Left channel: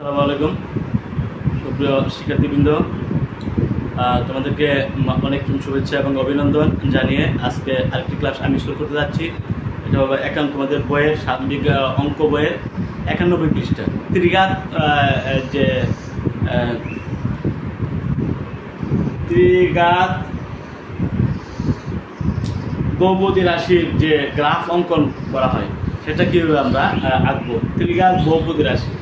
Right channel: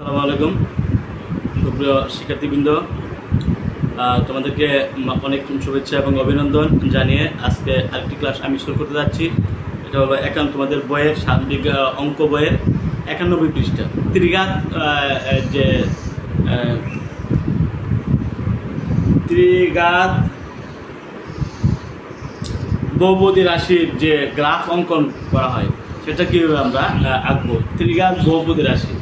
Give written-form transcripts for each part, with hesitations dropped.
আসসালামু আলাইকুম সুপ্রিয় শিক্ষার্থীবৃন্দ, তোমাদেরকে অনেক শুভেচ্ছা এবং অভিনন্দন জানিয়ে আজকে আরেকটি ক্লাস আমি শুরু করতে যাচ্ছি। এটা হলো তোমাদের বইয়ের সাময়িক অঙ্ক বইয়ের 91 পৃষ্ঠা ত্রিঘাত যে ত্রিঘাত বহুপদী রাশির যে গ্রাফ অঙ্কন করা হয় সেটা কীভাবে আমরা আঁকবো। ত্রিঘাত বহুপদী রাশি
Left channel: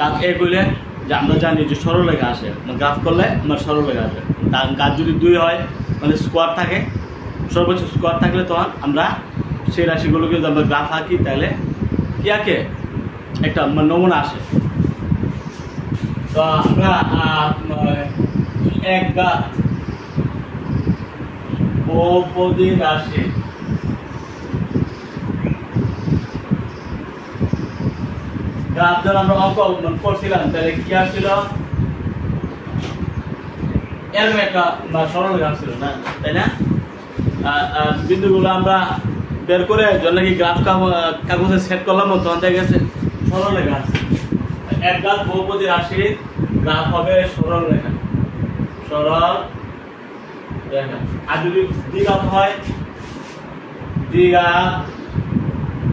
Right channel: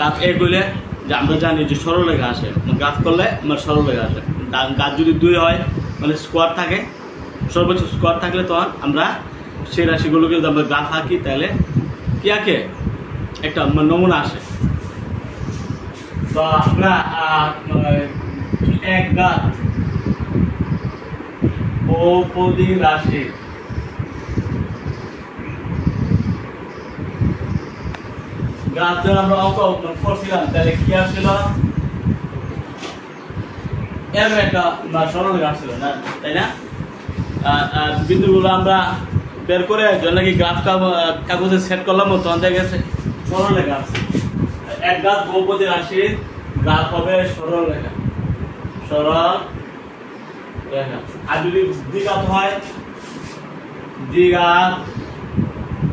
কাজ এ করলে যে আমরা জানি যে সরলরেখা আসে, গাছ করলে আমার সরলরেখা আসে। গাছ যদি 2 হয় মানে স্কোয়ার থাকে, সর্বোচ্চ স্কোয়ার থাকলে তখন আমরা সেই রাশিগুলোকে যদি আমরা গ্রাফ আঁকি তাহলে কি আঁকে একটা নমুনা আসে। তো আমরা এক গাছ বহুপদী রাশি গাছ যখন আমরা অঙ্ক করছিলাম তাহলে কি আসছিল, এরকম একটা সরলরেখা আসছিল না, তাই না? বিন্দুগুলো আমরা বের করে যখন নাকি গ্রাফ কাগজে সেট করলাম তখন দেখা গেছে সরলরেখা আছে। এক গাছ বহুপদী রাশির গ্রাফ হবে সরলরেখা, সরলরেখা। আর যদি দ্বিঘাত হয়,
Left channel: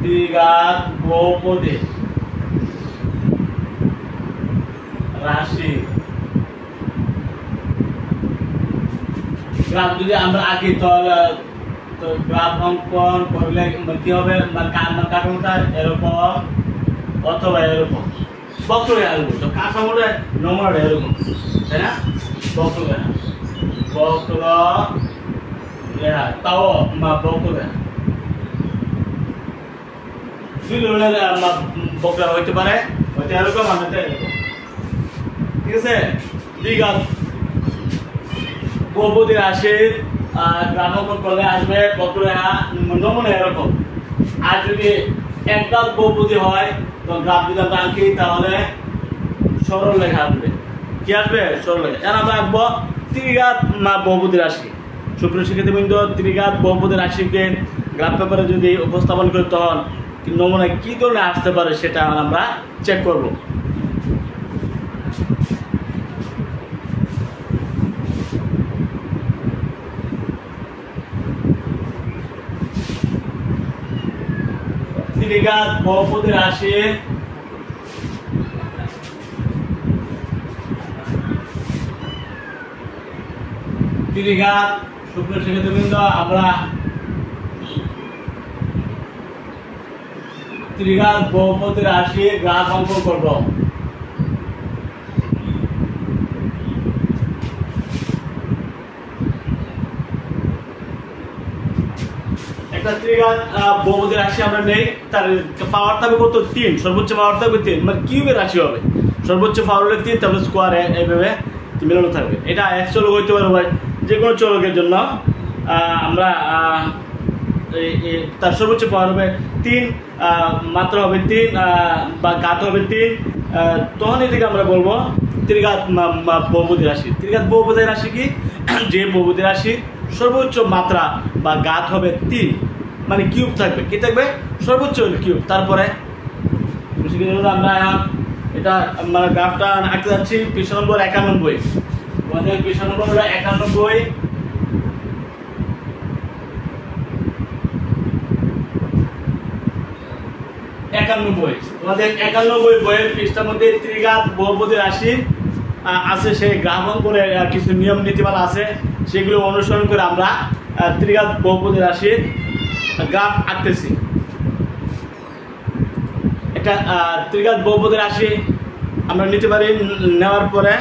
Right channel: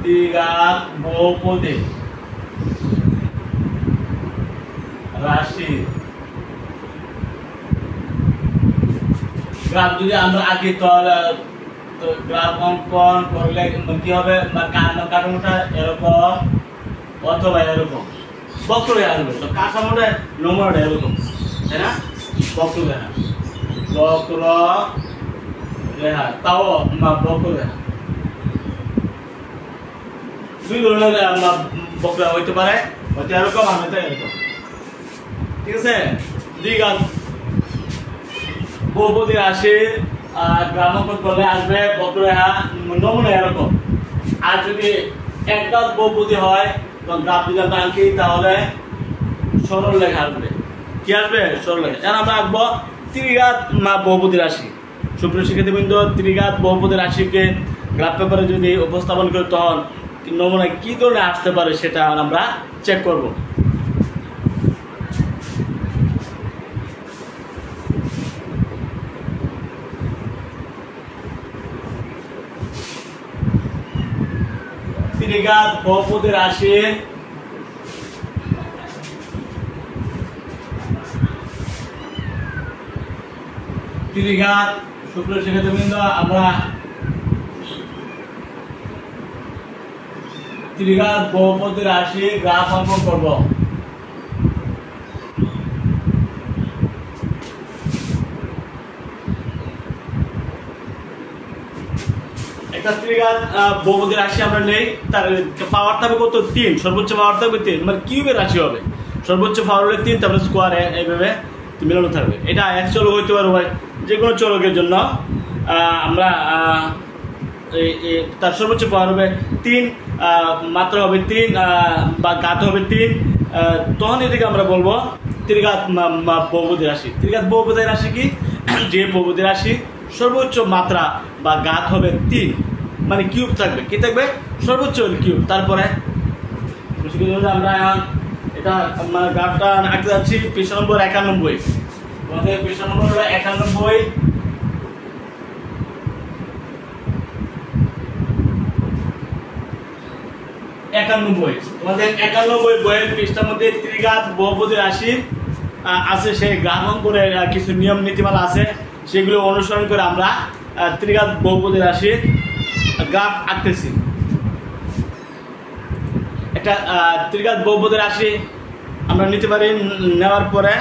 দ্বিঘাত বহুপদী রাশি গ্রাফ যদি আমরা আঁকি তাহলে গ্রাফ অঙ্কন করলে কি হবে, কাঠামোটা এরকম অথবা এরকম বক্ররেখা আসবে। তো কাঠামোটা নমুনাটা এরকম, তাই না? বক্ররেখা তাও বক্ররেখা দুই ধরনের বক্ররেখা হইতে পারে, হয়তো এরকম আর হয়তো এরকম, ঠিক আছে? দ্বিঘাত বহুপদী রাশির গ্রাফ অঙ্কন করলে আসবে বক্ররেখা নমুনা এরকম। আর যদি একঘাত বহুপদী হয় তো গ্রাফ যদি আমরা আঁকি তাহলে সরলরেখা আসবে। কি আসবে? সরলরেখা। এখন আমরা আঁকবো ত্রিঘাত বহুপদী রাশি। সুপ্রিয় শিক্ষার্থীবৃন্দ, ত্রিঘাত বহুপদী রাশিকে গ্রাফ পেপারে যদি উপস্থাপন করি তখন নমুনা কি ধরনের আসতে পারে সেটা আমরা চেক করব। ত্রিঘাত বহুপদী রাশির ত্রিঘাত সুপ্রিয় শিক্ষার্থীবৃন্দ, আমরা ত্রিঘাত বহুপদী রাশির গ্রাফ অঙ্কন করব। একটা ত্রিঘাত বহুপদী রাশি আমরা নেই, তার পাওয়ার থাকবে কত? 3, সর্বোচ্চ পাওয়ার থাকবে 3, মানে কিউবের রাশি হবে। সর্বোচ্চ পাওয়ার হলে 3, তারপরে স্কোয়ার এইভাবে মিলানো থাকবে। এটা এক চলক হইতে পারে ভাই, যে কোনো চলকের জন্য আমরা তার সর্বোচ্চ পাওয়ার হবে 3, মাত্রা হবে 3 বা ঘাত হবে 3, তখন এটাকে আমরা বলবো ত্রিঘাত বহুপদী রাশি। ত্রিঘাত বহুপদী রাশি কি? যে বহুপদী রাশি সর্বোচ্চ মাত্রা বা ঘাত হবে 3, মানে কিউব থাকবে। কি থাকবে? সর্বোচ্চ কিউব। তারপরে আমরা এটা গ্রাফটা আঁকতে যাচ্ছি। পৃষ্ঠা নম্বর 91, আমাদের পৃষ্ঠা নম্বর হলো 91। তোমাদের 91 বইয়ের পৃষ্ঠার মধ্যে ত্রিঘাত বহুপদী রাশি আছে, সেই গ্রাফ অঙ্কনের কিছু নিয়ম নীতিমালা আছে, সেগুলো অনুসরণ করে আমরা ত্রিঘাত বহুপদী রাশির গ্রাফ আঁকতেছি। একটা ত্রিঘাত বহুপদী রাশি আমরা নিতে পারি। নেওয়ার পরে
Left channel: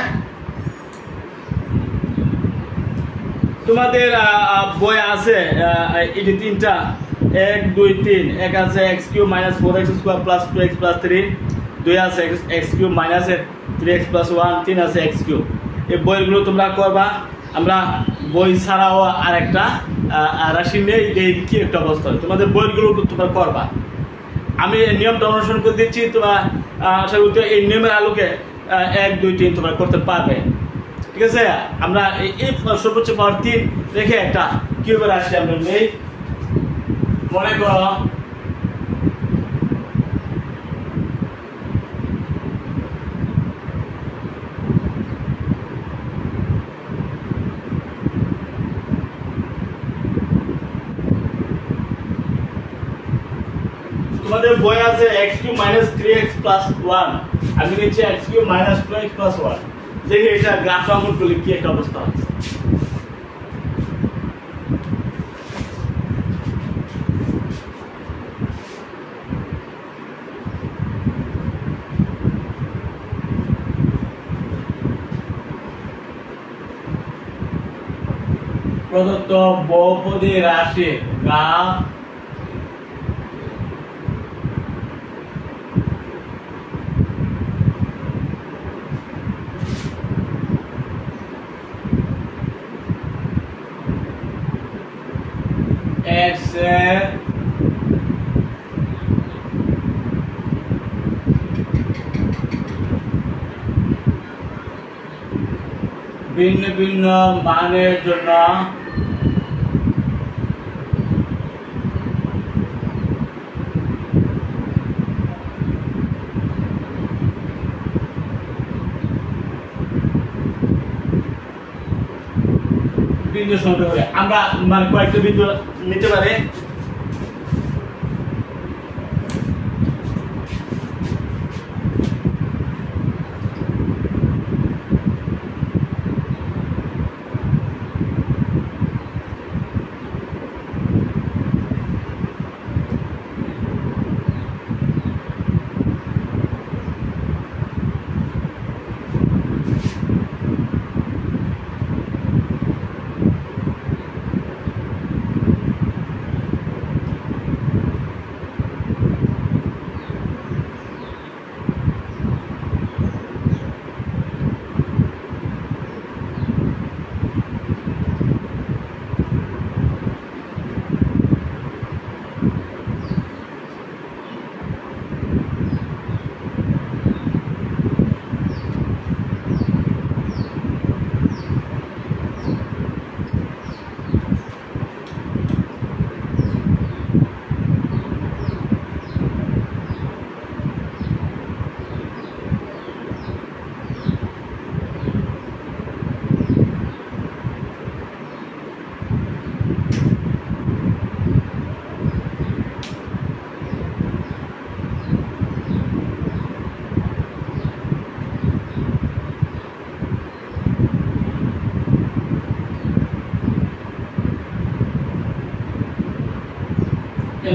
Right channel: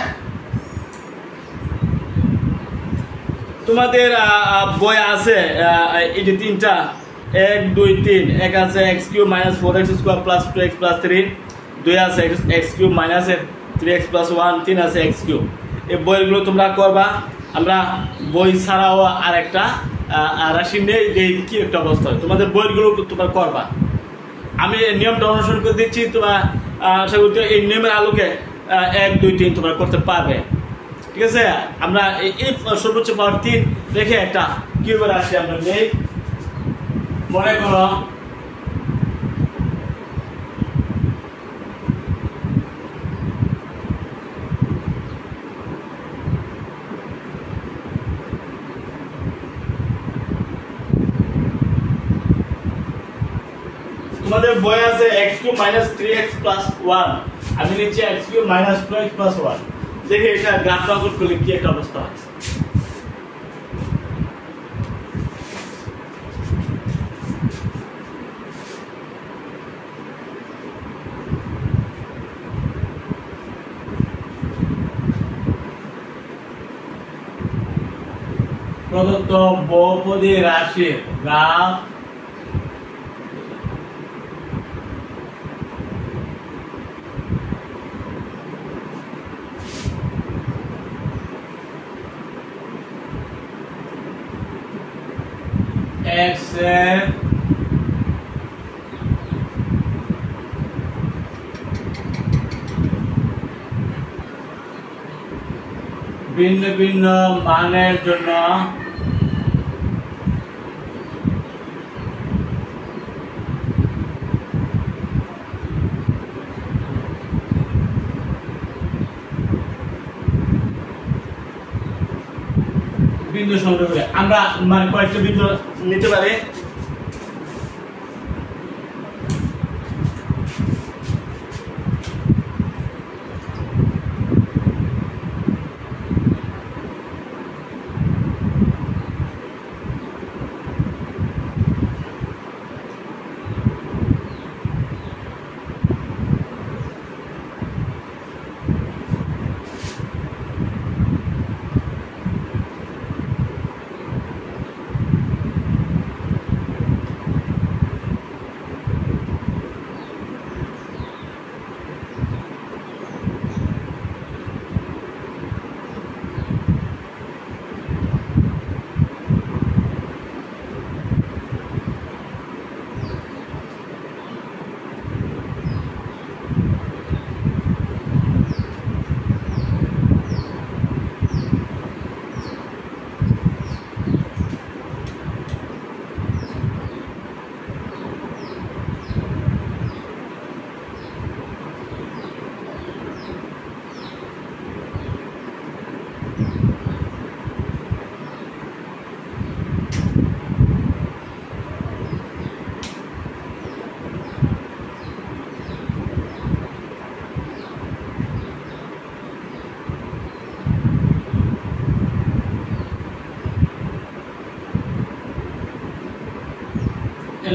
তোমাদের বই আছে এই যে 3টা 1 2 3, এক আছে x³ - 4x² + 2x + 3, 2 আছে x³ - 3x + 1, 3 আছে x³। এই বইগুলো তোমরা করবা। আমরা বই ছাড়াও আর একটা রাশি নেই যে কি একটা অবস্থা হয়, তোমাদের বইগুলো তোমরা করবা। আমি নিয়মটা অনুসরণ করে দিচ্ছি, তোমরা আশা করি এই নিয়মের আলোকে 1 2 3 তোমরা করতে পারবে, ঠিক আছে? আমরা এই সর্বোচ্চ পাওয়ার 3 রেখে একটা কিউবের রাশি আমরা নেই। মনে করো বই আছে x³ - 3x + 1 আমি নিচে x³ - 2x + 1 দেখি এটা গ্রাফ অঙ্কন করলে কি একটা অবস্থা হয় প্রদত্ত বহুপদী রাশির গ্রাফ x এর ভিন্ন ভিন্ন মানের জন্য বিন্দু সংগ্রহ করে আমরা মানে কয়েকটা বিন্দু নিতে পারি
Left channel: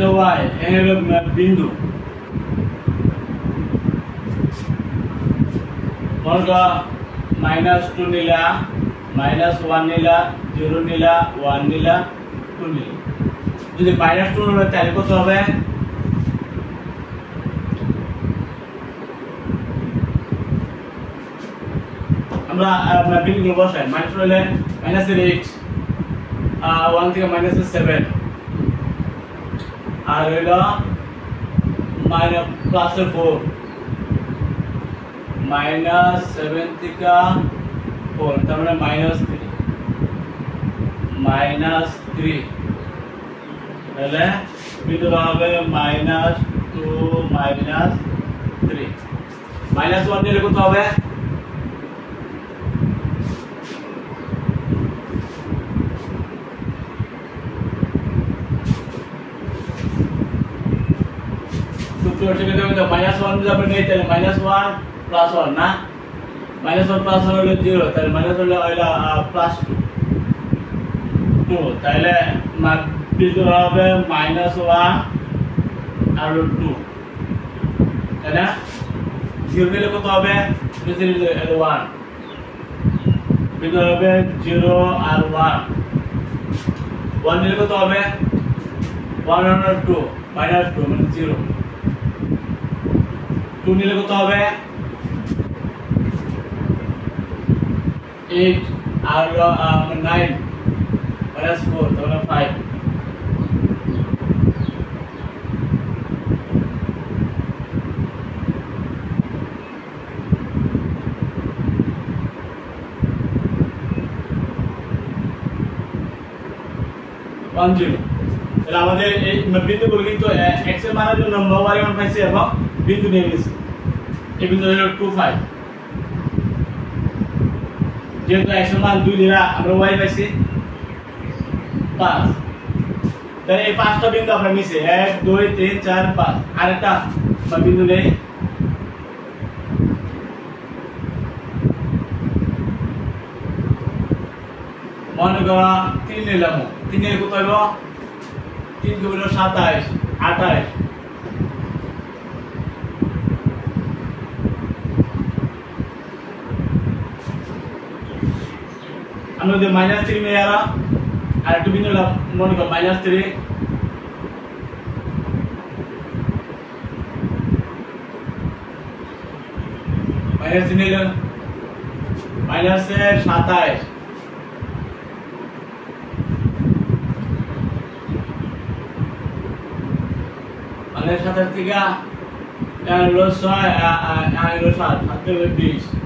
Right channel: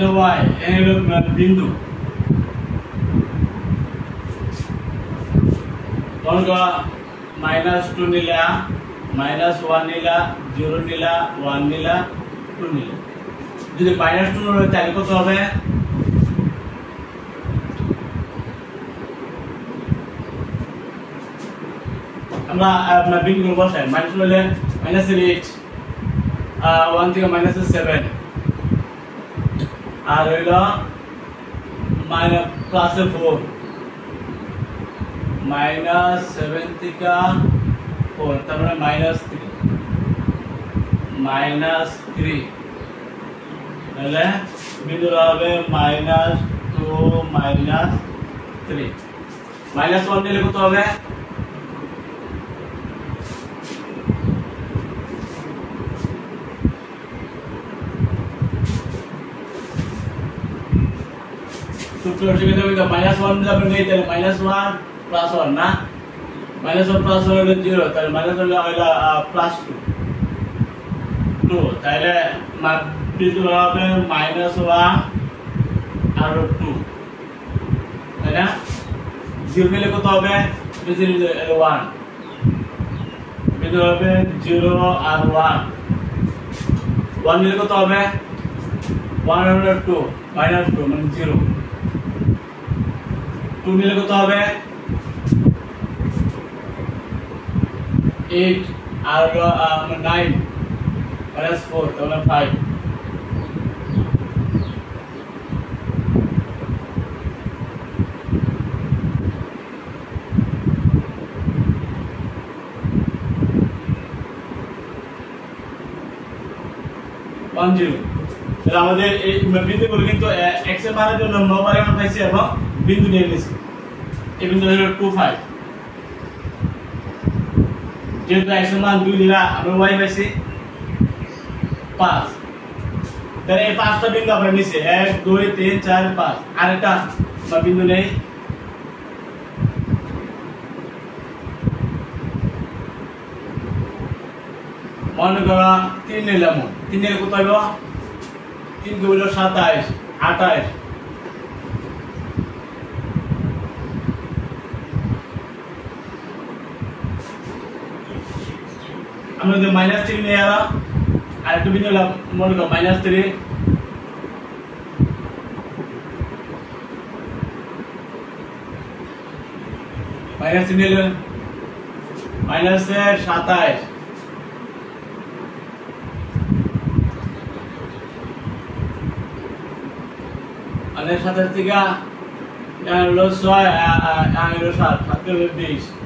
y এর বিন্দু বলগা -2 নিলা -1 নিলা 0 নিলা 1 নিলা 2 নিলা যদি -2 হলে তাহলে কত হবে আমরা বিন্দুগুলো বসাই -2 হলে -8 1 থেকে -7 আর হইলো +4 -7 থেকে 4 তার মানে -3 তাহলে বিন্দু হবে -2 -3 -1 নিলে কত হবে -1 যাবে নেই তাহলে -1 +1 না -1 +1 হলো 0 তাহলে -1 হলো +2 তাহলে বিন্দু হবে -1 আর 2 তাই না 0 নিলে কত হবে 1 বিন্দু হবে 0 আর 1 1 নিলে কত হবে 1 হলো 2 -2 মানে 0 2 নিলে কত হবে 8 আর 9 -4 তাহলে 5 10 তাহলে আমাদের এই বিন্দুগুলো কিন্তু x এর মানের জন্য y মান পাইছি এবং বিন্দু নিয়ে নিয়েছি এই বিন্দু হলো 2 5 যেহেতু x এর মান 2 দিলা আমরা y পাইছি 5 তাহলে এই পাঁচটা বিন্দু আমরা নিছি 1 2 3 4 5 আরেকটা বিন্দু নেই মনে করো 3 নিলাম 3 এর কত হইব 3 কে হইল 27 28 আমরা যে -3 নিয়ে এলাম আর একটু বিন্দু মনে করো -3 माइनस निले माइनस से 27 माइनस 27 থেকে হলো 6 হলো 7 হাতে হলো 20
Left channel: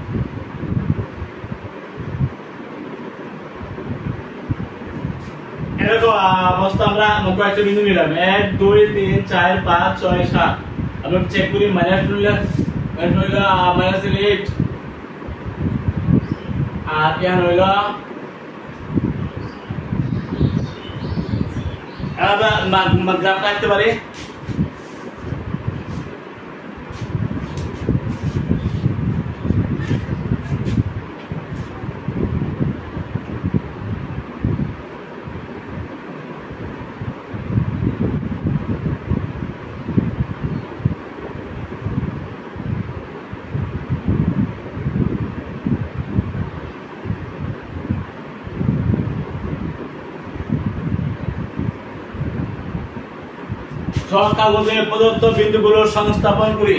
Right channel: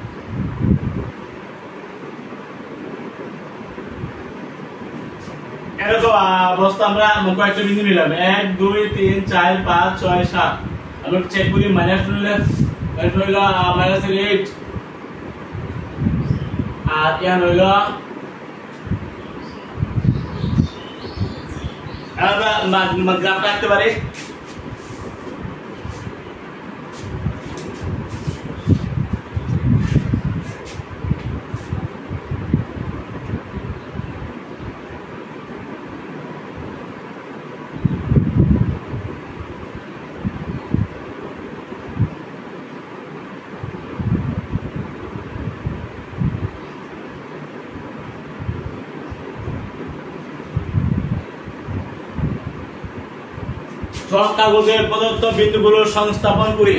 এরকম অবস্থা আমরা কয়েকটা বিন্দু নিলাম 1 2 3 4 5 6 7 আমরা চেক করি মাইনাস নিলে হইলো -8 আর ইয়ান হইলো আমরা গ্রাফ রাখতে পারি ছক কাগজে প্রদত্ত বিন্দুগুলোর সংস্থাপন করি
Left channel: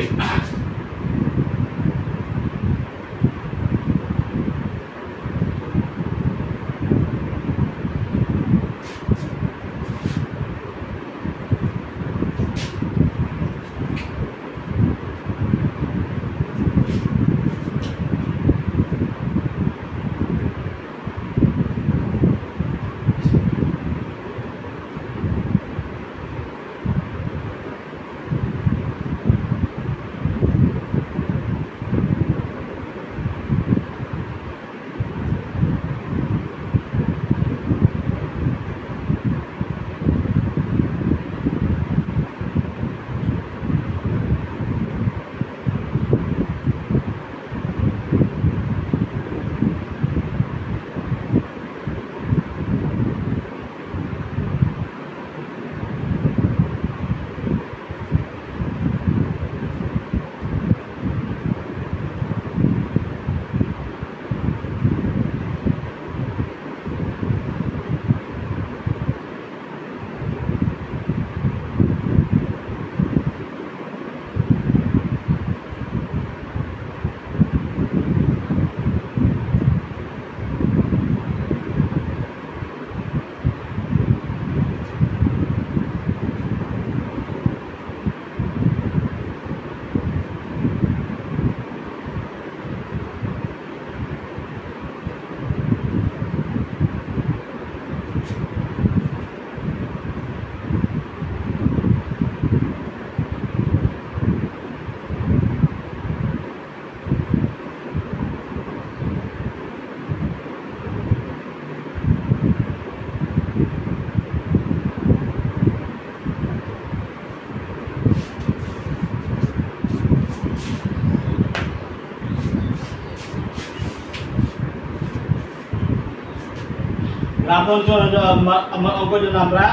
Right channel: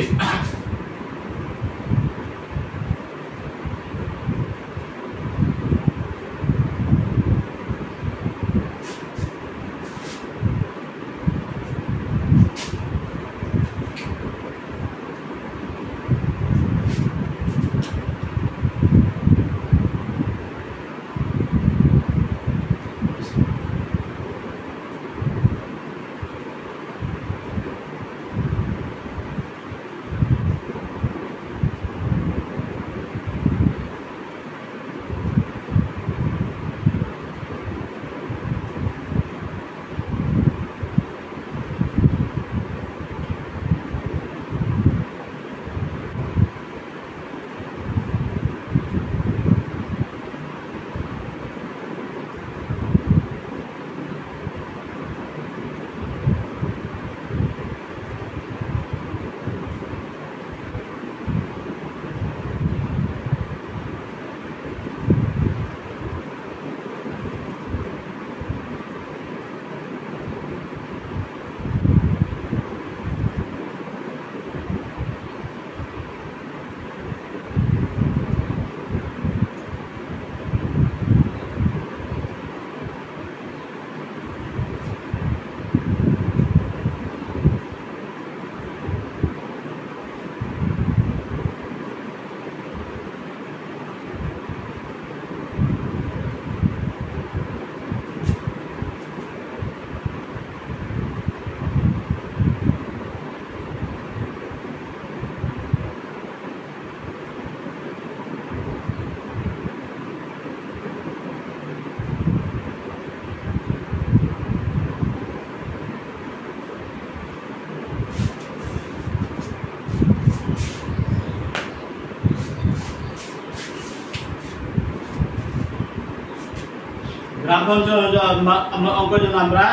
অঙ্কের জন্য আমরা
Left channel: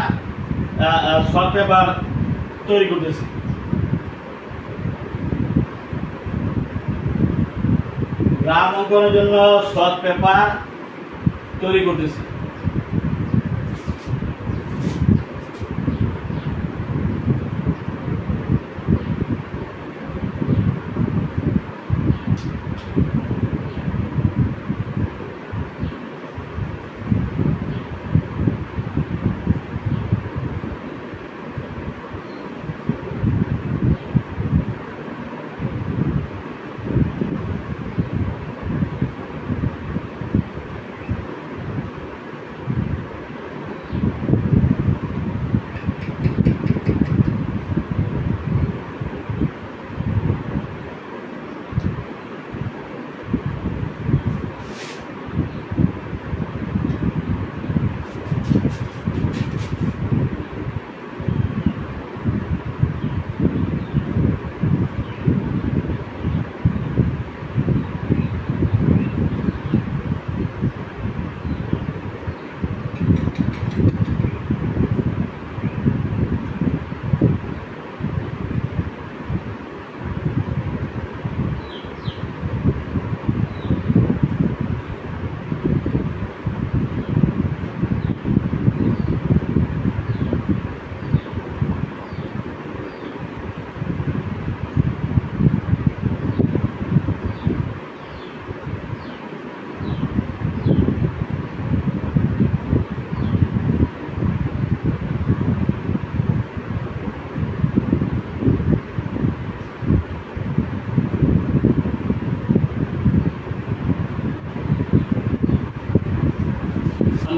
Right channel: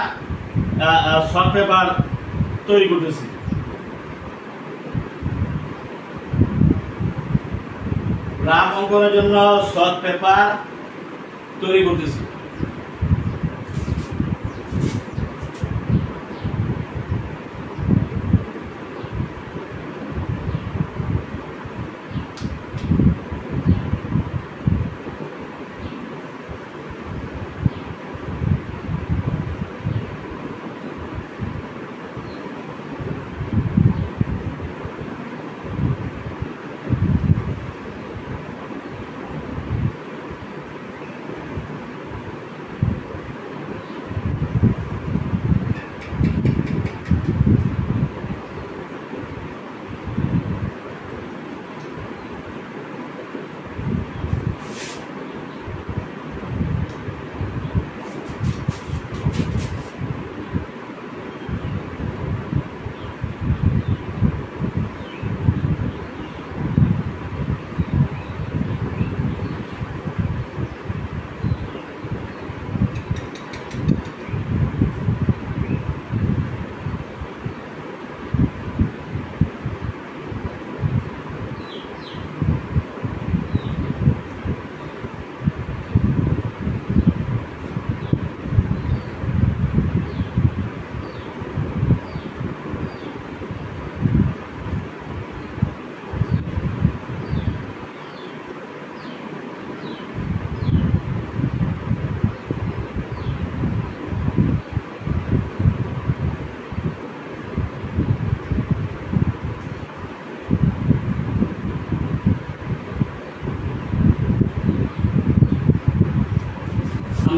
শর্ট পেপার তৈরি করতেছি গ্রাফ অঙ্কনের জন্য শর্ট পেপার তৈরি করতেছি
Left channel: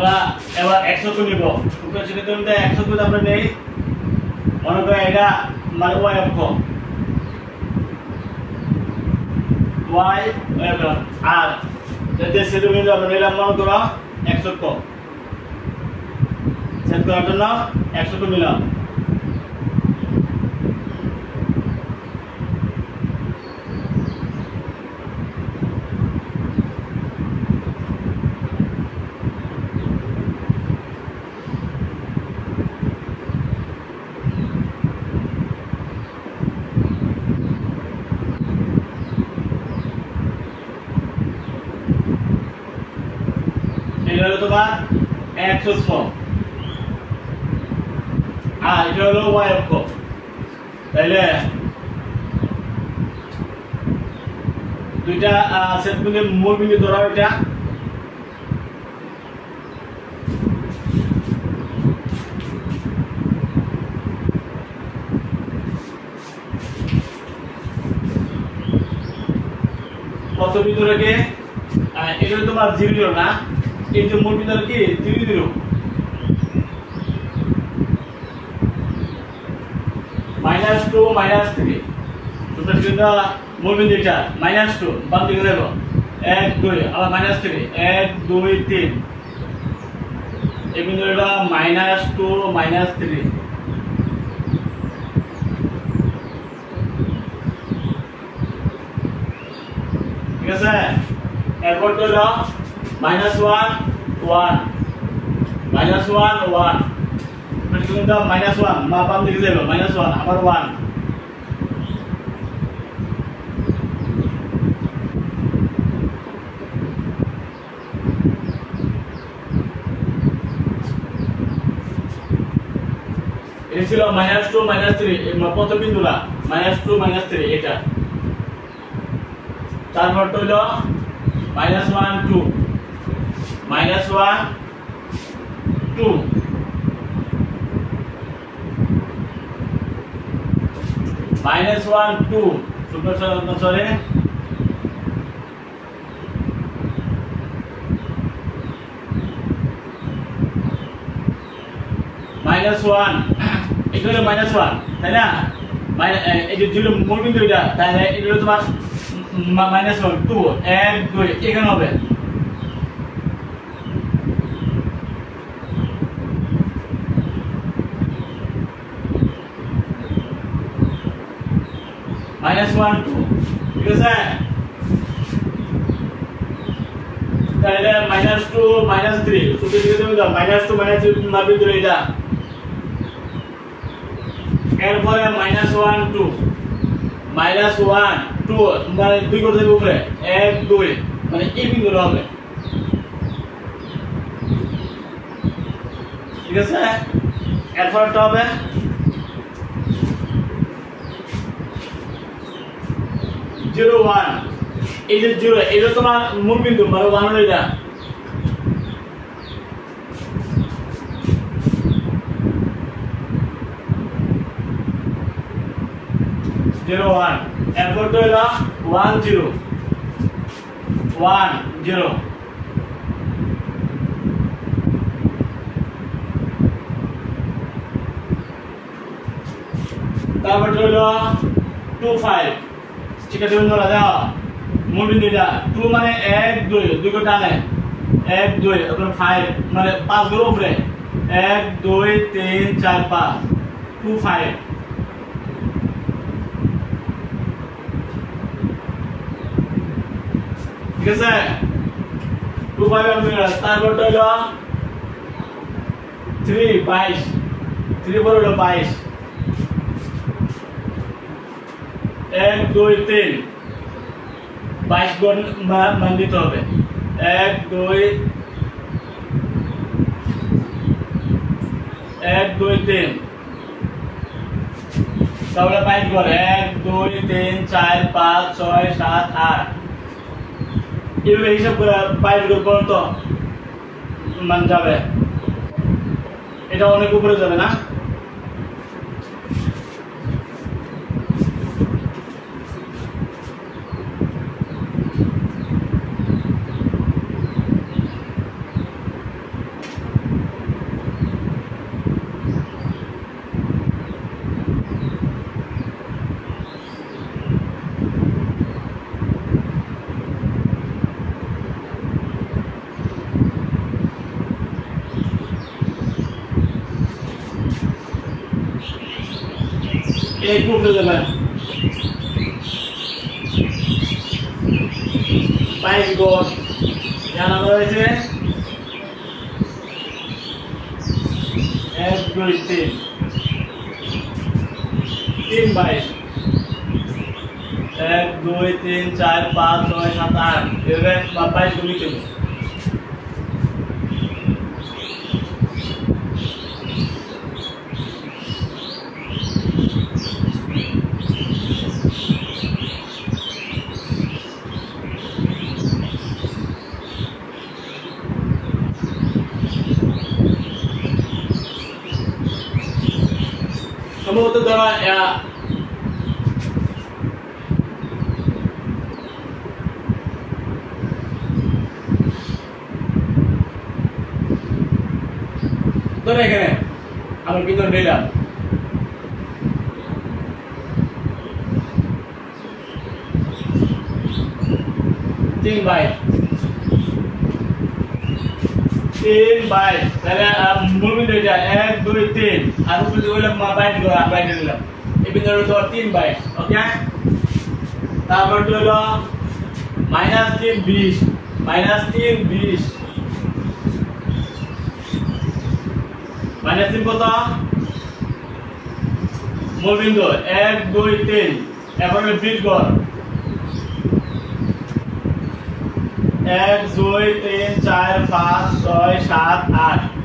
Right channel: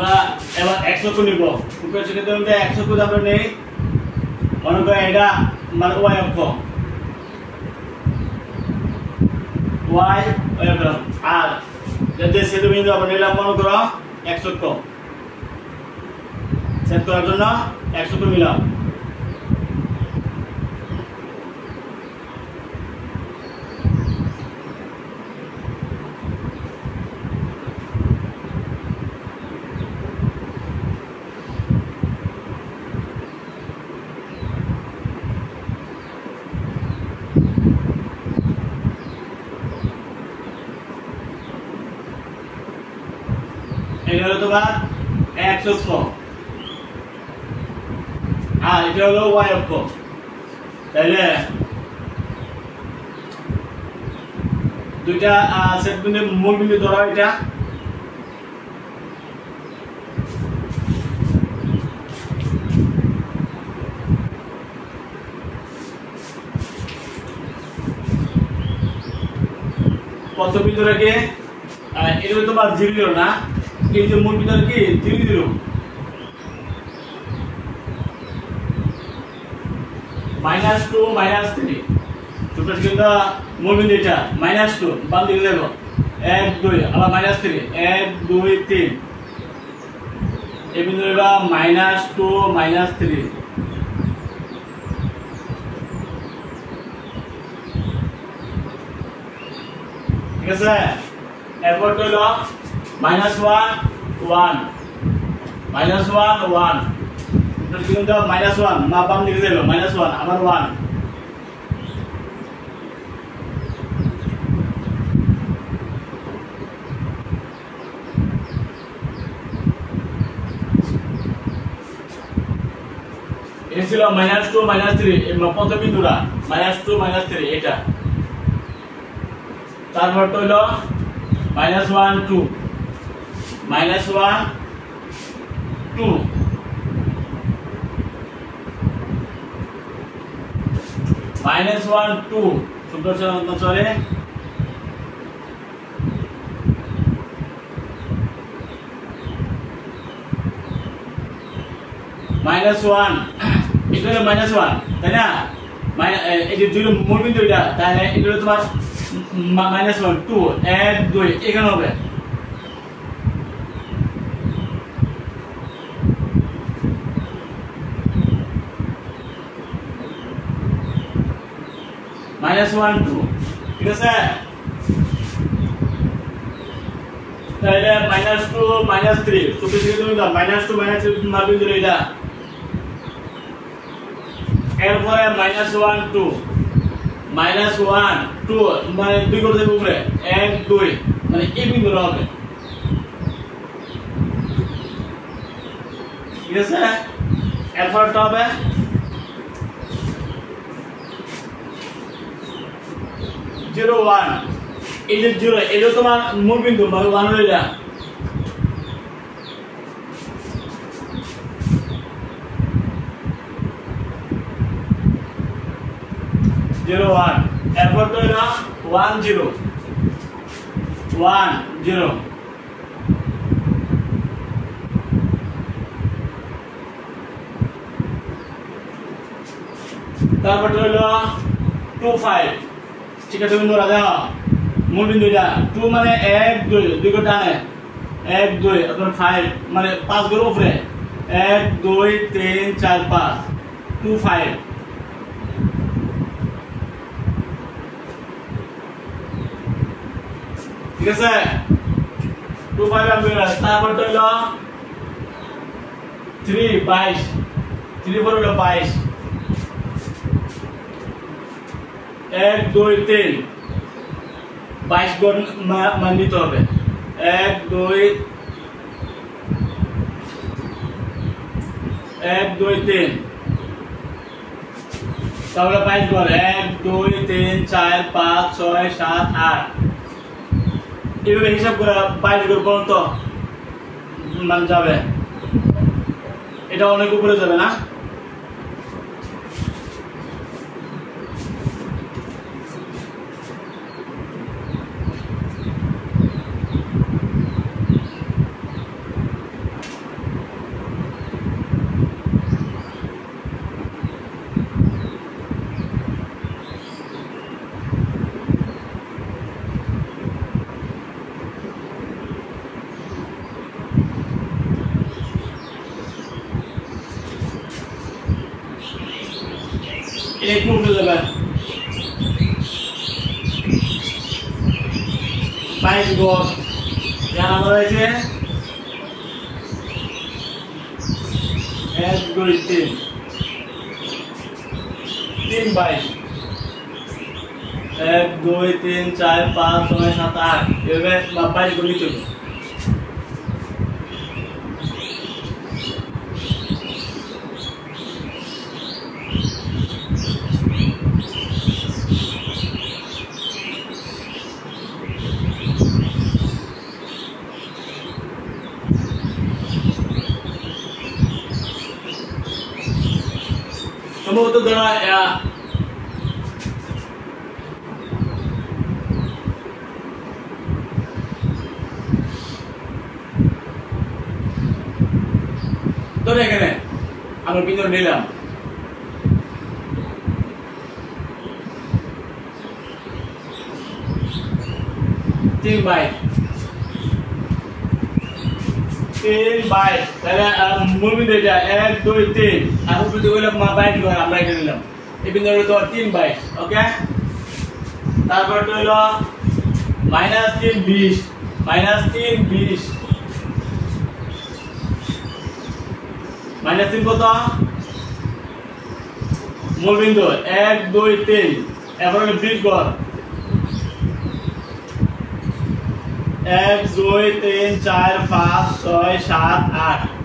আমরা এবার x অক্ষ নিব উপরে সেটা আমরা x অক্ষ আমরা নেই মনে করো এটা মানে y অক্ষ y আর যে সেটা বিন্দু আমরা নিলাম মনে করো x অক্ষ সেট করার জন্য x অক্ষ নিলাম এটা হলো তোমার x অক্ষ আর এটা হলো y অক্ষ তাহলে দুইটা সেট বিন্দু মূল বিন্দু ধরো এটা কত বিন্দু রেখে এটা তোমার 0 0 না এই যে মূল বিন্দু কি 0 0 -2 -3 তোমরা কিন্তু মূল বিন্দু এটা -2 বাম দিকে যাবো 1 2 আবার -3 1 2 3 এই বিন্দুটা -2 -3 ঠিক আছে এরপর হলো -1 1 -1 1 কিন্তু -1 মা বাম দিকে যাইলো -1 আবার 1 এটা ছিল -2 -3 এই প্রথম বিন্দুটা -2 -3 এটা তারপর হলো -1 2 -1 2 -1 2 সরি -1 এটা হলো -1 তাই না এই যে জিরো মূল বিন্দু এটা তাহলে এটা হলো তোমার -1 2 1 2 এখানে হবে -1 2 ঠিক আছে তাহলে -2 -3 সবই থেকে তুমি দাও -2 -3 মাপি দিলে এটা এরপরে -1 2 -1 2 মানে দুই করে দেব উপরে 1 2 মানে এই বিন্দু হবে ঠিক আছে এরপরটা হবে জিরো 1 এই যে 0 এটা তোমার মূল বিন্দু মানে 1 হলো এটা জিরো 1 এরপর তো এটা 1 0 1 0 তারপর হলো 2 5 ঠিক আছে বন্ধুরা দেখো মূল বিন্দু এটা 2 মানে 1 2 দুই করে টানে 1 2 তারপর 5 মানে 5 করে উপরে 1 2 3 4 5 2 5 ঠিক আছে 2 5 আমি তারপর হলো 3 22 3 4 হলো 22 1 2 3 22 গুণ মান দিতে হবে 1 2 3 তাহলে 22 গুণ 1 2 3 4 5 6 7 8 এভাবে হিসাব করে 22 গুণ পর্যন্ত মান যাবে এটা অনেক উপরে যাবে না एक रूप ले लेबे बाइक को यहाँ रहे 1 2 3 बाइक 1 2 3 4 5 6 7 8 ये बाइक को नीचे সম্ভবত ধরা ধরে এখানে আমার বিন্দু নিলাম 3 बाय তাহলে মুভমেন্ট হয়ে যায় 1 2 3 আর উপরে যে হইলো বাইট করে আমরা এটা নিলাম এই বিন্দুটা তো 3 বাই ওকে তারপর হলো -3 20 -3 20 -3 কত মূল বিন্দু 1 2 3 এবার 20 গড় 1 2 3 4 5 6 7 8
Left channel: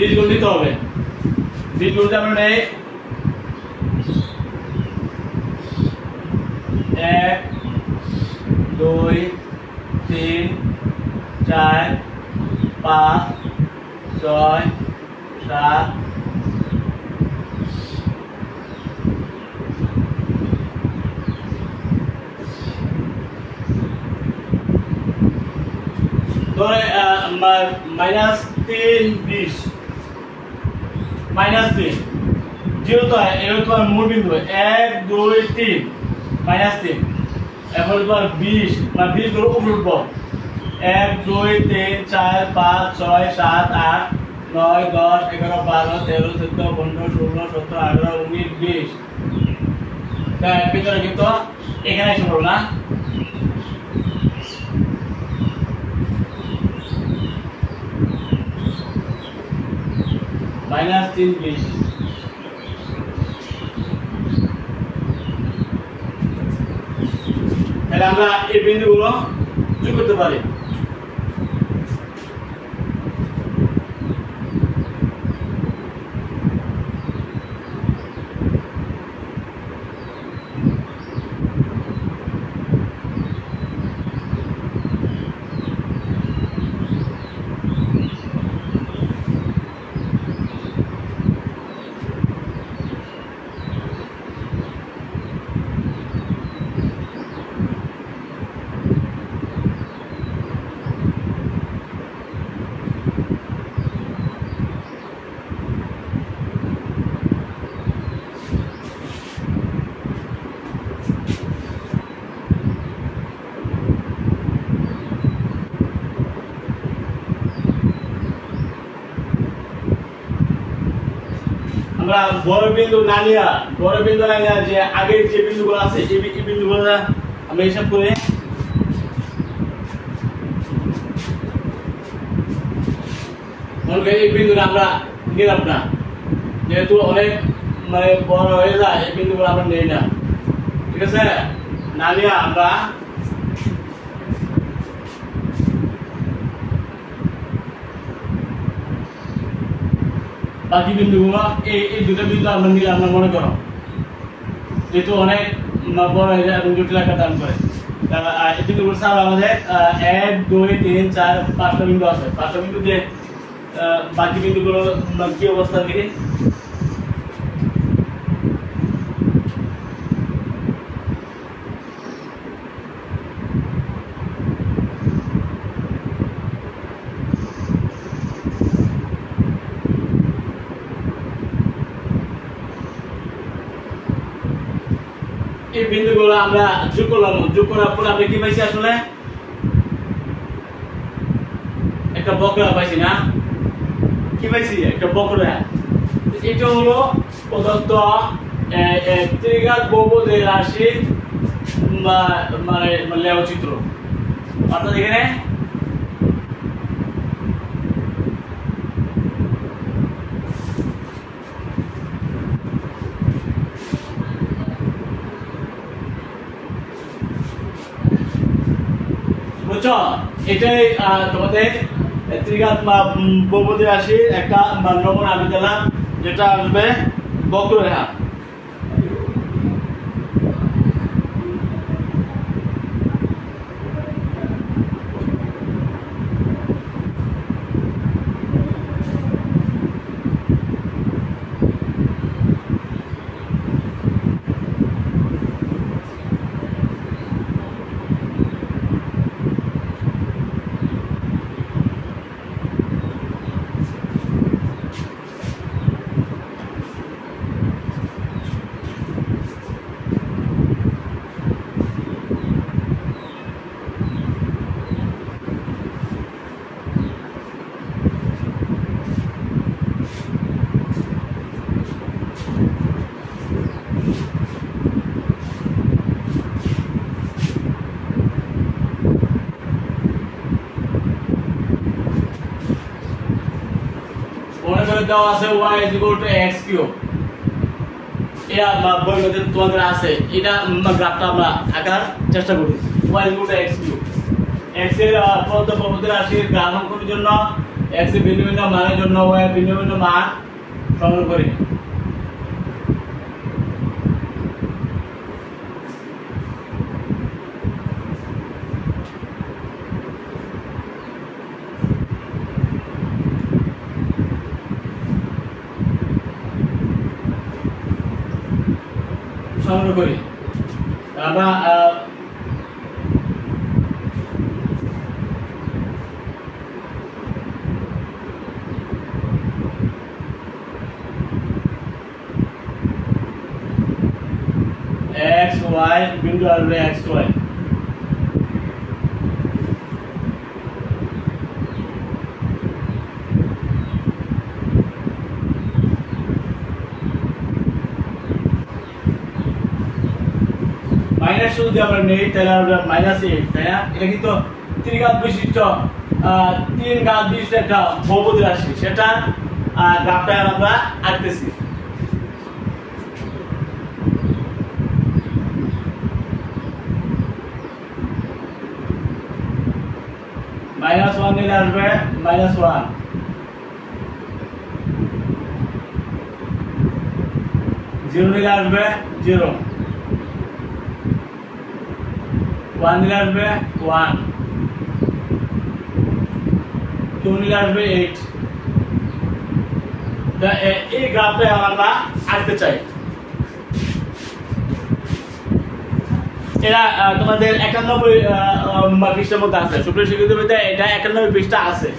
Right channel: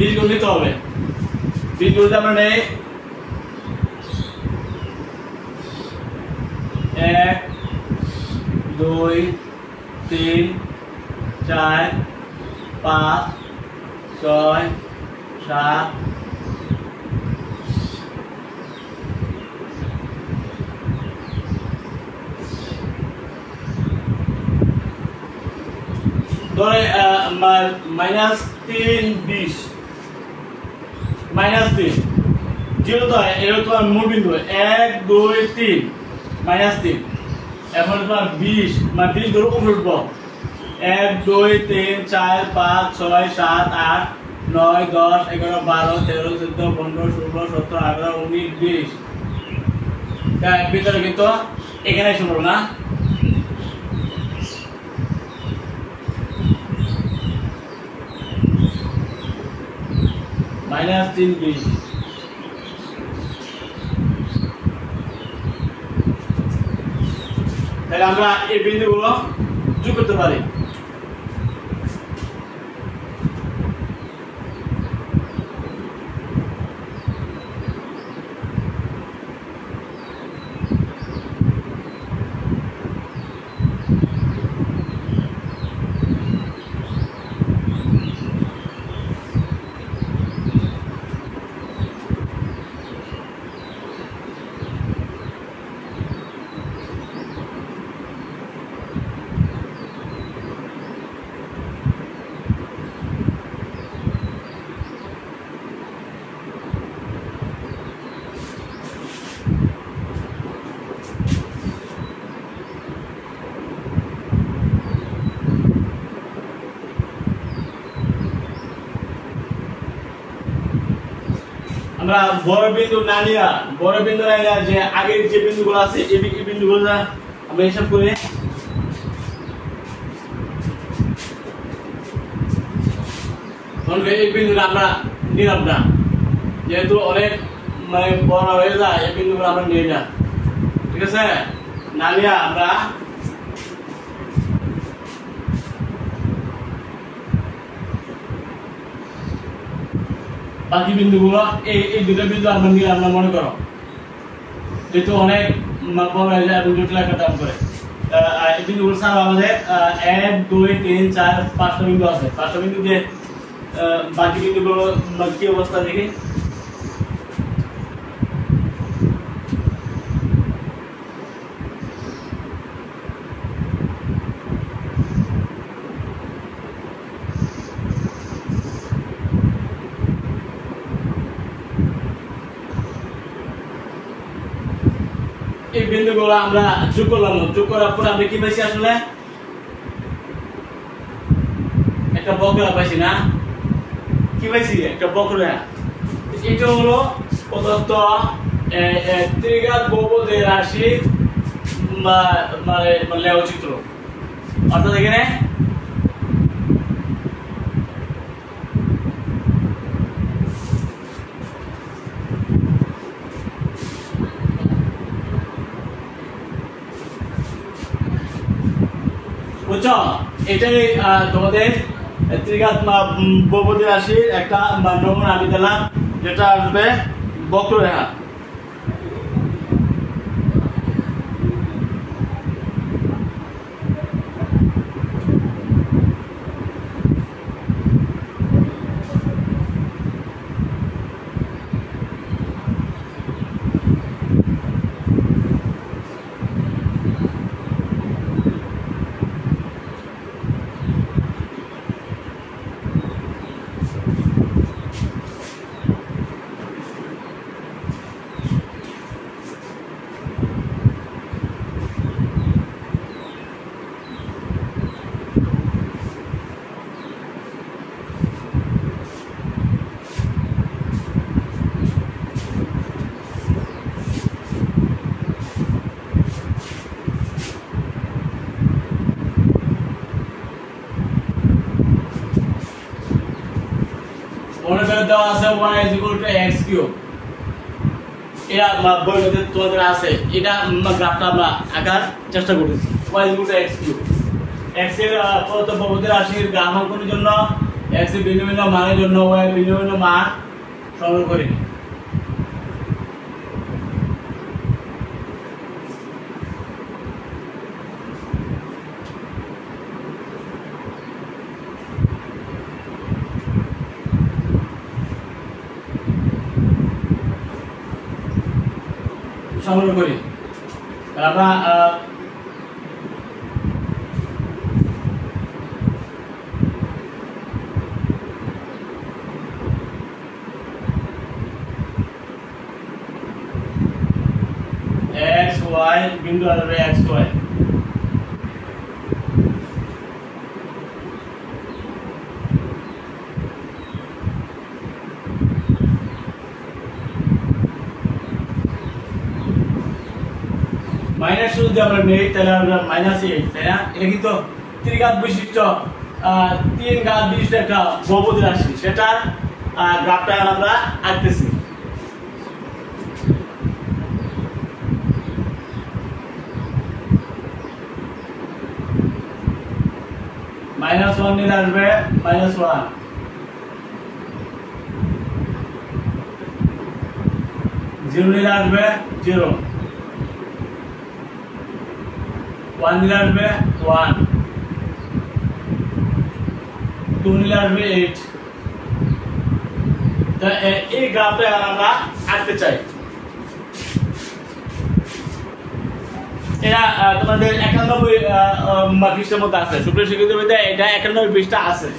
बीज गुण दिते होबे बीज गुणते আমরা নেই 1 2 3 4 5 6 7 ধরে -3 20 -3 যেহেতু এটা তোমার মূল বিন্দু 1 2 3 -3 এখন তোমার 20 মানে 20 ধরে উপরে উঠবো 1 2 3 4 5 6 7 8 9 10 11 12 13 14 15 16 17 18 19 20 দেখ ভিতরে কিন্তু এখানে এসে পড়ো না -3 20 তাহলে আমরা এই বিন্দুগুলো যোগ করতে পারি আমরা বড় বিন্দু না নিয়া যে আগের যে বিন্দুগুলো আছে এই বিন্দুগুলো আমরা হিসাব করে এই বিন্দুটা আমরা নিলাম না যেহেতু অনেক মানে বড় হয়ে যায় এই বিন্দুগুলো আমরা নেই না ঠিক আছে না নিয়া আমরা বাকি বিন্দুগুলো এই দুটো বিন্দু আমরা নিলাম না মনে করো যেহেতু অনেক বড় হয়ে যায় এবং জটিল একটা দাম করে এই বিন্দুগুলো ছাড়া আমাদের 1 2 3 4 5টা বিন্দু আছে 5টা বিন্দু দিয়ে বাকি বিন্দুগুলো কি অবস্থা দেখি। এই বিন্দুগুলো আমরা যোগ করলাম, যোগ করার পরে আমরা কি পাইছি, আসলে একটা বক্ররেখা পাইছি না, কি পাইছি, একটা বক্ররেখা। এটা হলো প্রদত্ত ত্রিঘাত বহুপদী রাশি মানে লেখচিত্র। অর্থাৎ এখানে বুঝছো, এটাই তোমাদের ত্রিঘাত বহুপদী রাশির একটা নমুনা আমি দিলাম, যেটা আসবে বক্ররেখা। মনে করে দেওয়া আছে y = x কিউব, এটা বইতে তোমাদের আছে, এটা গ্রাফটা আমরা আঁকার চেষ্টা করি। y = x কিউব, x এর প্রদত্ত বহুপদী রাশির গ্রাফ অঙ্কনের জন্য x এর ভিন্ন ভিন্ন মানের জন্য y এর ভিন্ন ভিন্ন মান সংগ্রহ করি। সংগ্রহ করি আমরা x y বিন্দু আসবে x y, মাইনাস যদি আমরা নেই তাহলে আমরা -8, তাই না? এটা কিন্তু ত্রিঘাত বিশিষ্ট 3 ঘাত বিশিষ্ট একটা বহুপদী রাশি, সেটা গ্রাফটা আমরা আঁকতেছি। -1 নিলে আসবে -1, 0 নিলে আসবে 0, 1 নিলে আসবে 1, 2 নিলে আসবে 8। এই গ্রাফটা আমরা আঁকতে চাই। এটা তোমাদের 91 পৃষ্ঠার মধ্যে আছে, সুপ্রিয় শিক্ষিত বিদ্যায় এটা 91 পৃষ্ঠা আছে।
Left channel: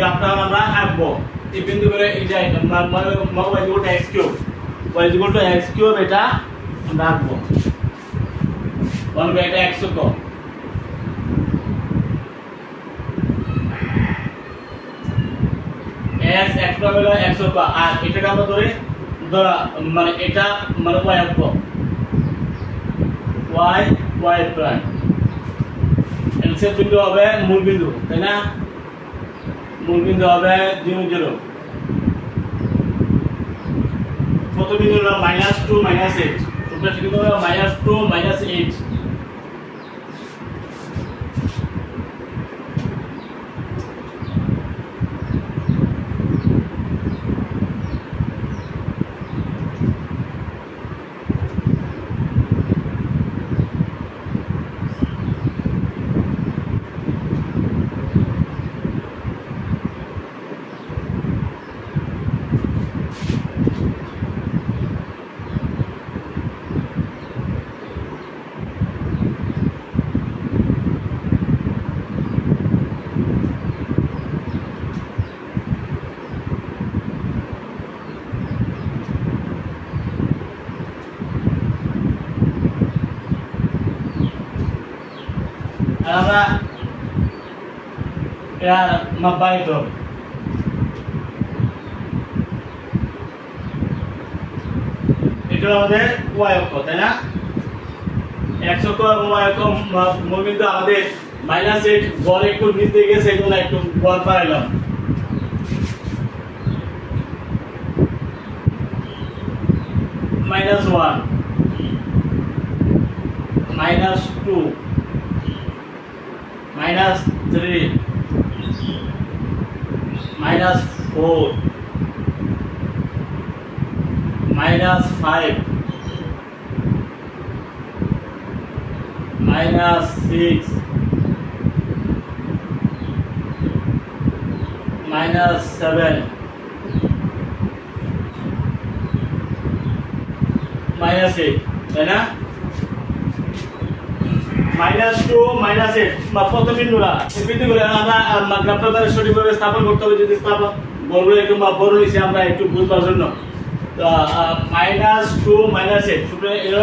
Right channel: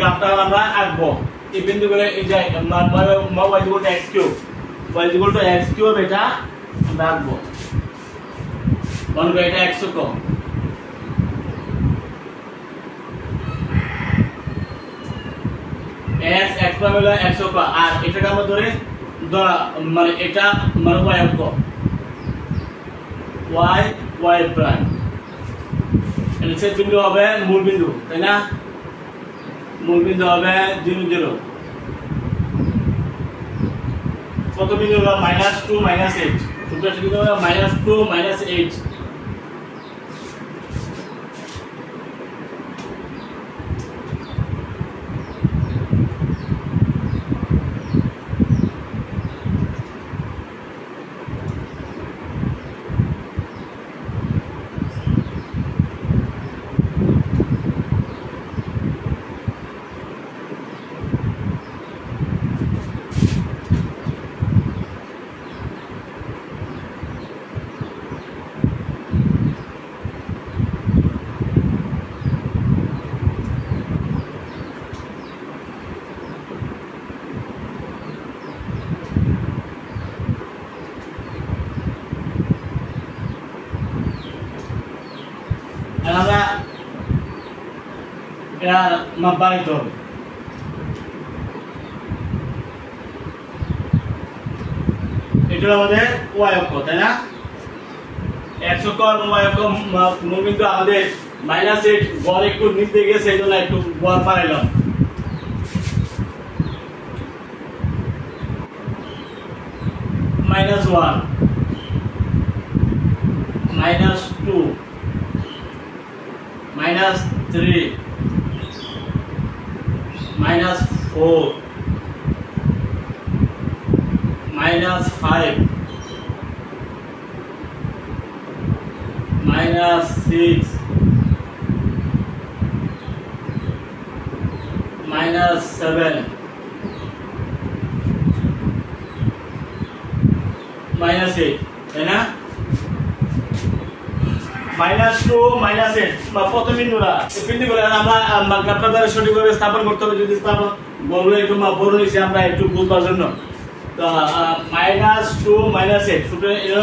গ্রাফটা আমরা আঁকবো এই বিন্দুগুলো এই যে y equal to x cube y equal to x cube এটা আমরা আঁকবো মনে করি এটা x অক্ষ x প্রাইম হলো x অক্ষ আর এটাকে আমরা ধরা মানে এটা মানে y অক্ষ y প্রাইম এর ছেদ বিন্দু হবে মূল বিন্দু তাই না মূল বিন্দু হবে 0 0 কত বিন্দু হলো -2 -8 উপরে বিন্দু হবে -2 -8 আমরা এর মাপ বাড়াইতে হবে এটা আমাদের y অক্ষ তাই না x অক্ষ আর y অক্ষ মূল বিন্দু আমাদের -8 গড় একটু নিচে গেছে এজন্য একটু গড় বাড়াইলাম -1 -2 -3 -4 -5 -6 -7 -8 তাই না -2 -8 বা কত বিন্দুরা বিন্দুগুলো আমরা গ্রাফটারে সঠিকভাবে স্থাপন করতে হবে যদি স্থাপন বড় একটু বড় হইছে আমরা একটু বুঝবার জন্য তো -2 -8 সুতরাং এর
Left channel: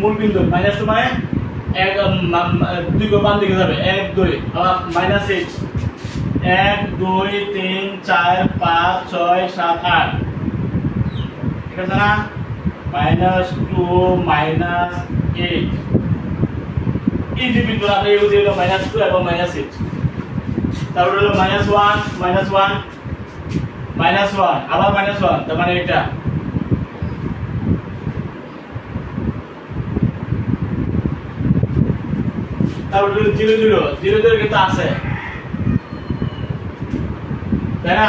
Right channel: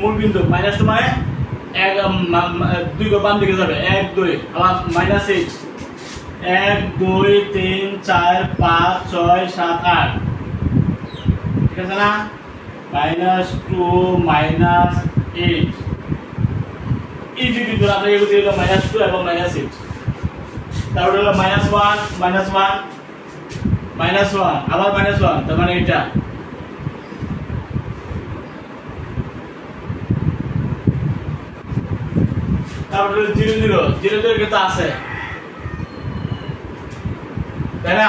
মূল বিন্দু -2 মানে এক দুই গো বাম দিকে যাবে 1 2 আবার -8 1 2 3 4 5 6 7 8 ঠিক আছে না -2 -8 এই যে বিন্দুটা আমরা এগুলো দিলাম -2 এবং -8 তারপর হলো -1 -1 -1 আবার -1 তার মানে এটা তারপর হলো 0 0 0 0 কিন্তু আছে তাই না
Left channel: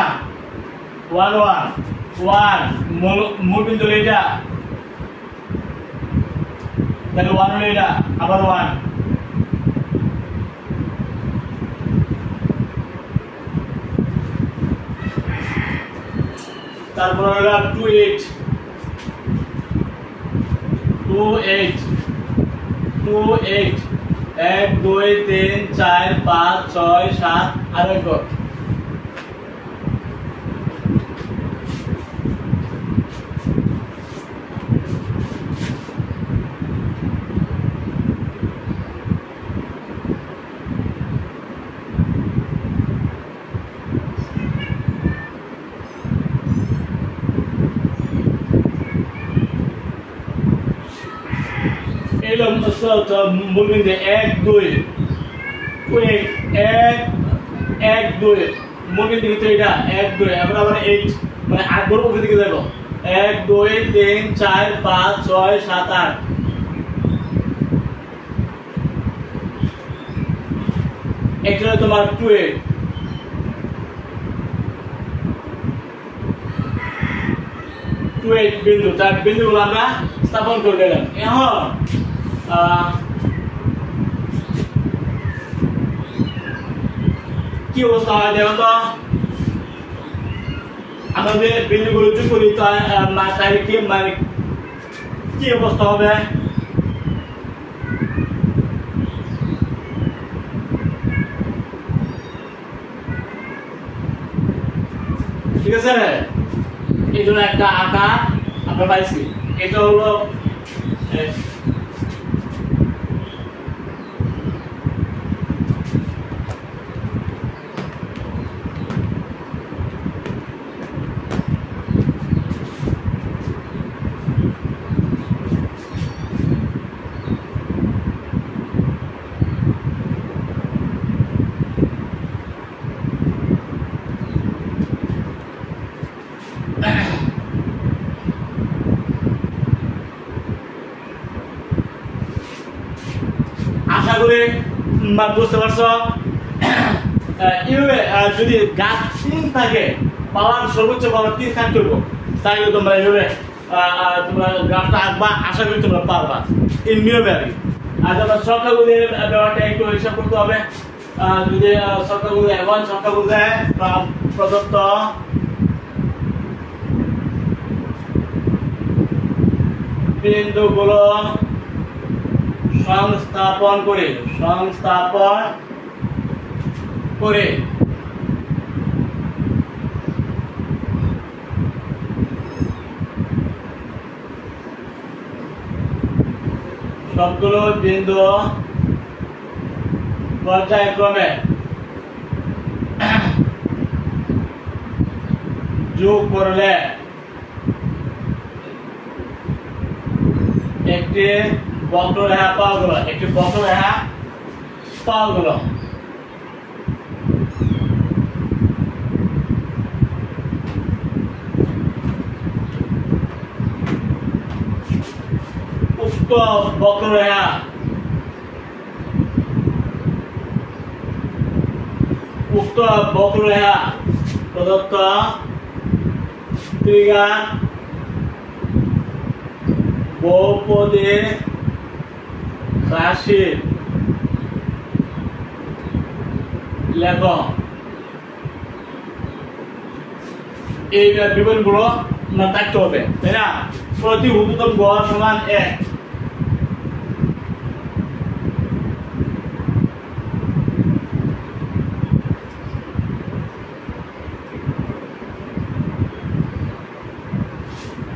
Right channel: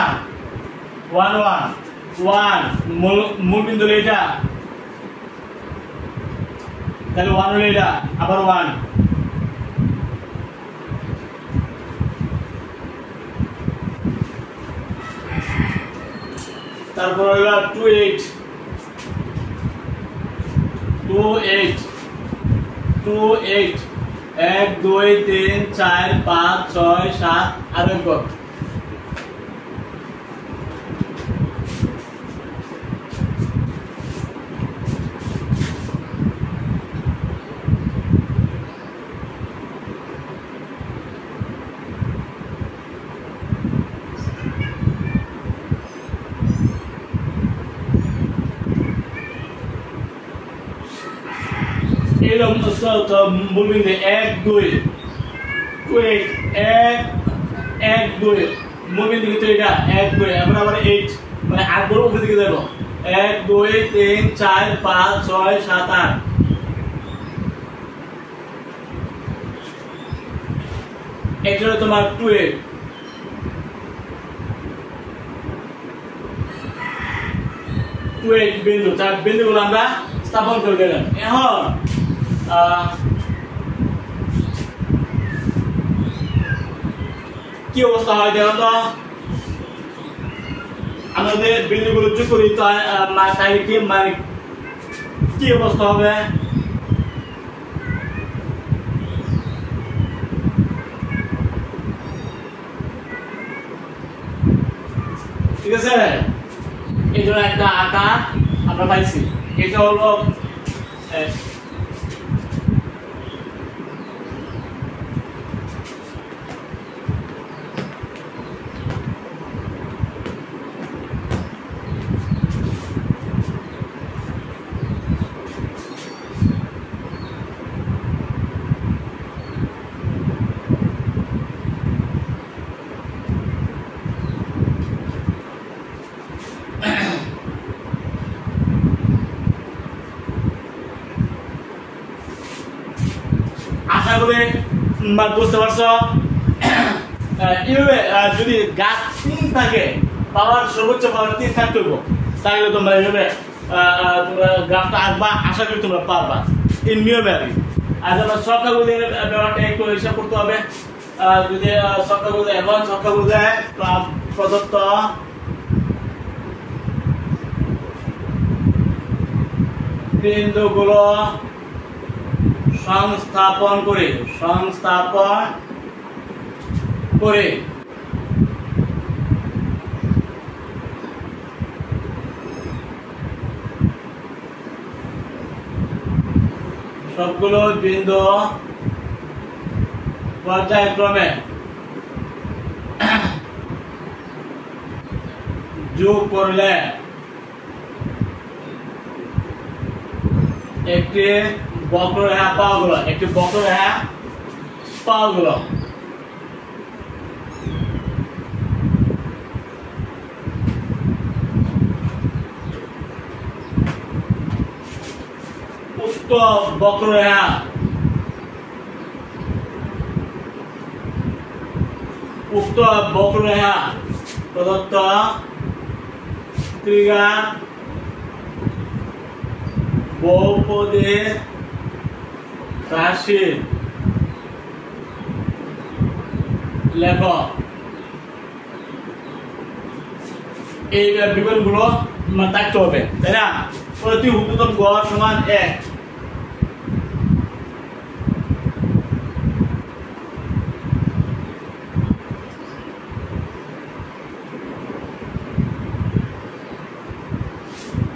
1 1 1 মূল বিন্দু এটা তাহলে 1 হলো এটা আবার 1 তারপর হলো 2 8 2 8 2 8 1 2 3 4 5 6 7 আর এক গড় এলো তো মূল বিন্দু 1 2 1 1 2 মূল বিন্দু কিন্তু এটা 1 2 এখন আবার 8 মানে 8 বড় উপরে দিকে যাব 1 2 3 4 5 6 7 8 এটা হলো তোমার 2 8 2 8 বিন্দু তার বিন্দুগুলো আমরা স্থাপন করে দিলাম এখন কি অবস্থা হয় দেখো তো আমাদের বিন্দুগুলো যোগ করি তাই কি মানে কি অবস্থা হবে ঠিক আছে, এই জন্য একটা আকার আমরা পাইছি। এটা হলো আশা করি বুঝতে পারছো। এইভাবে যদি গাছ 3 থাকে, পাওয়ার সর্বোচ্চ পাওয়ার 3 থাকতে হবে, তাহলে তোমরা এইভাবে তোমরা গ্রাফটা আঁকবা, আশা করি তোমরা পারবা এই নিয়মে আর কি। আর তোমরা সংখ্যাগুলির ব্যাপারটা একটু হিসাব করতে হবে। যদি সংখ্যাগুলি এবং সংখ্যাগুলি প্রদত্ত বিন্দুগুলো সংস্থাপন করে সবগুলো বিন্দু পর্যায়ক্রমে যোগ করলে একটি বক্ররেখা পাওয়া গেল। উক্ত বক্ররেখা প্রদত্ত ত্রিঘাত বহুপদী রাশির লেখ। এই বিবরণগুলো থাকতে হবে, তাই না? প্রতি ঊর্ধ্বতম গড় সমান 1।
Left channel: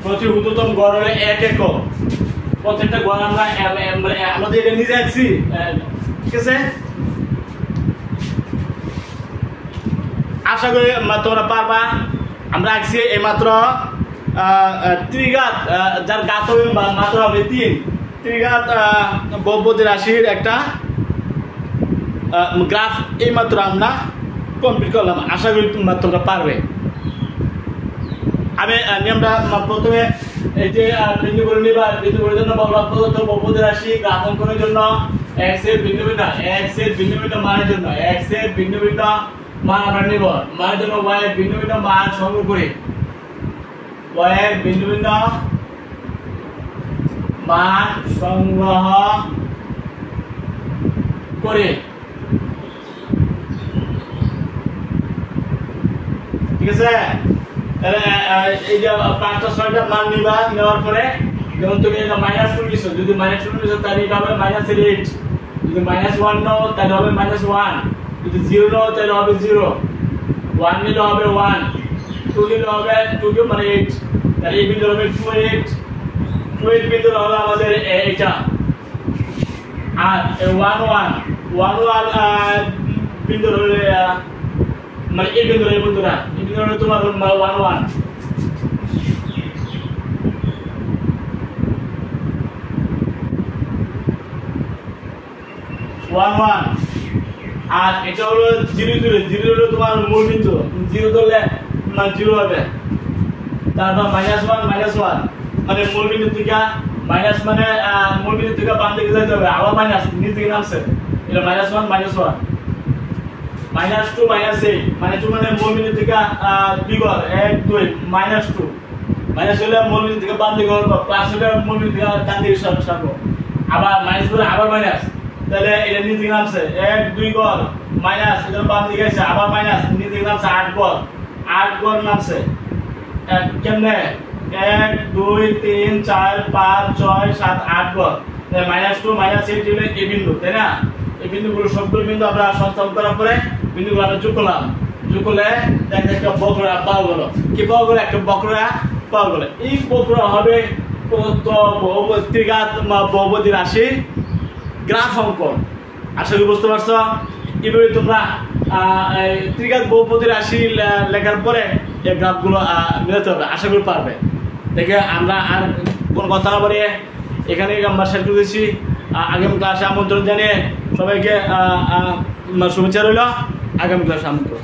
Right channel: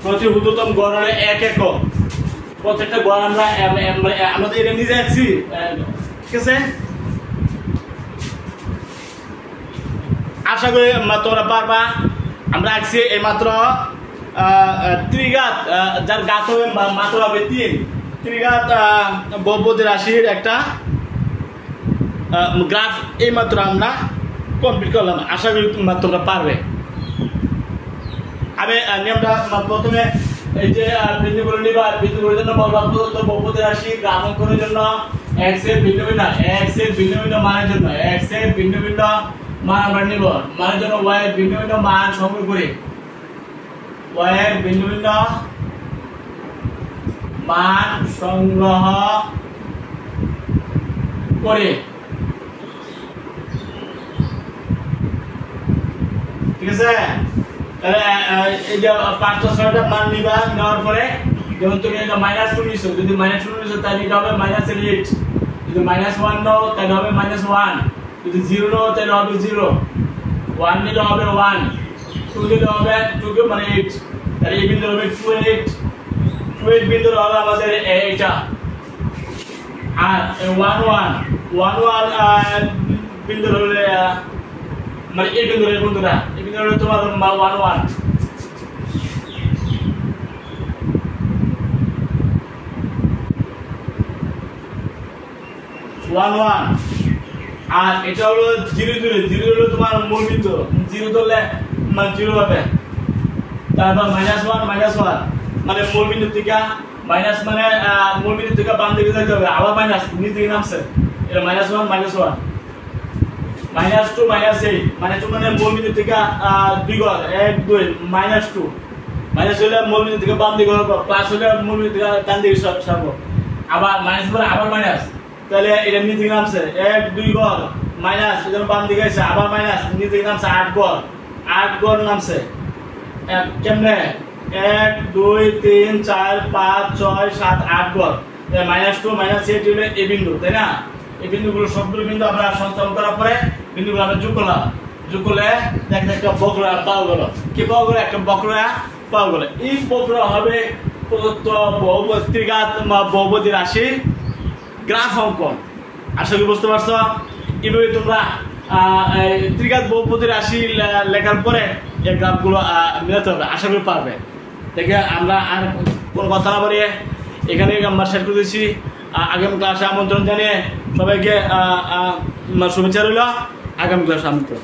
প্রতি ঊর্ধ্বতম গড় হলে 1 একক। প্রত্যেকটা গড় আমরা আমাদের এটা নিজে আঁকছি, ঠিক আছে? আশা করি তোমরা পারবা। আমরা আঁকছি এই মাত্র ত্রিঘাত, যার ঘাত হবে মাত্র হবে 3, ত্রিঘাত বহুপদী রাশির একটা গ্রাফ এই মাত্র আমরা কমপ্লিট করলাম। আশা করি তোমরা পারবে। আমি নিয়মটা প্রথমে এই যে বিন্দুগুলো নিবা, বিন্দুগুলোর জন্য প্রদত্ত বহুপদী রাশি গ্রাফ অঙ্কনের জন্য x এর ভিন্ন ভিন্ন মানের জন্য x এর ভিন্ন ভিন্ন মান আমরা নিব। মানের জন্য y এর ভিন্ন ভিন্ন মান সংগ্রহ করি, y এর ভিন্ন ভিন্ন মান সংগ্রহ করে, ঠিক আছে? তাহলে এই যে 5টা 6টা মান নিবা, নেওয়ার পরে যেমন তুমি এটা -2 নিছো, যদি -2 নিছো তাহলে এটা হবে -8, যদি -1 নাও তাহলে হবে -1, যদি 0 নাও তাহলে হবে 0, 1 নিলে হবে 1, 2 নিলে হবে 2 মানে 8, তাহলে এই বিন্দু হবে 28 বিন্দু হলো আমাদের এটা। আর 11 বিন্দু হলো মানে এই বিন্দু হলো বন্ধুরা, এই বিন্দু হলো তোমার 11 আর এটা হলো 0 হলো তোমার মূল বিন্দু, 0 ধরলে মানে 0 হবে। তারপর -1 মানে মূল বিন্দু থেকে মাইনাস, মানে মূল বিন্দু থেকে বাম দিকে যেতে হবে, আবার মাইনাস নিচ দিকে নামছে, এটা -1 -2 -8 -2 মানে মূল বিন্দু থেকে 2 ঘর 1 2 -2 মাইনাস হলে মূল বিন্দু থেকে বাম দিকে হবে, প্লাস হলে মূল বিন্দু থেকে ডান দিকে সরাবো, আবার মাইনাস পরে আবার মাইনাস, তাহলে এটা নিচ দিকে নামছে 1 2 ঘর মাইনাস, এটা বাম দিকে আছে আবার মাইনাস, নিচ দিকে নামছে 8 ঘর নামছে। কেমনে 1 2 3 4 5 6 7 8 ঘর, -2 -8 হলে এই বিন্দু, তাই না? এই বিন্দুগুলো সবগুলো বিন্দু আমরা সংস্থাপন করার পরে বিন্দুগুলো আমরা যোগ করলাম, যোগ করলে দেখেন একটা বক্ররা পাওয়া গেল। কি পাওয়া গেল? একটা বক্ররা পাওয়া গেল। এই বক্ররা হবে প্রদত্ত ত্রিঘাত বহুপদী রাশি গ্রাফ অঙ্কন। আশা করি বুঝতে পারছো। এভাবে তোমরা ত্রিঘাত বহুপদী রাশি লেখার পরে এই গ্রাফগুলো মেলাতে হবে, আশা করি পারবে। দেখে আমরা আর কোনো কথা না বলে এখানে আমরা শেয়ার করে দিচ্ছি। আগামী ক্লাসে আমন্ত্রণ জানিয়ে সবাইকে শুভেচ্ছা রইল। আগামী ক্লাসে আমন্ত্রণ।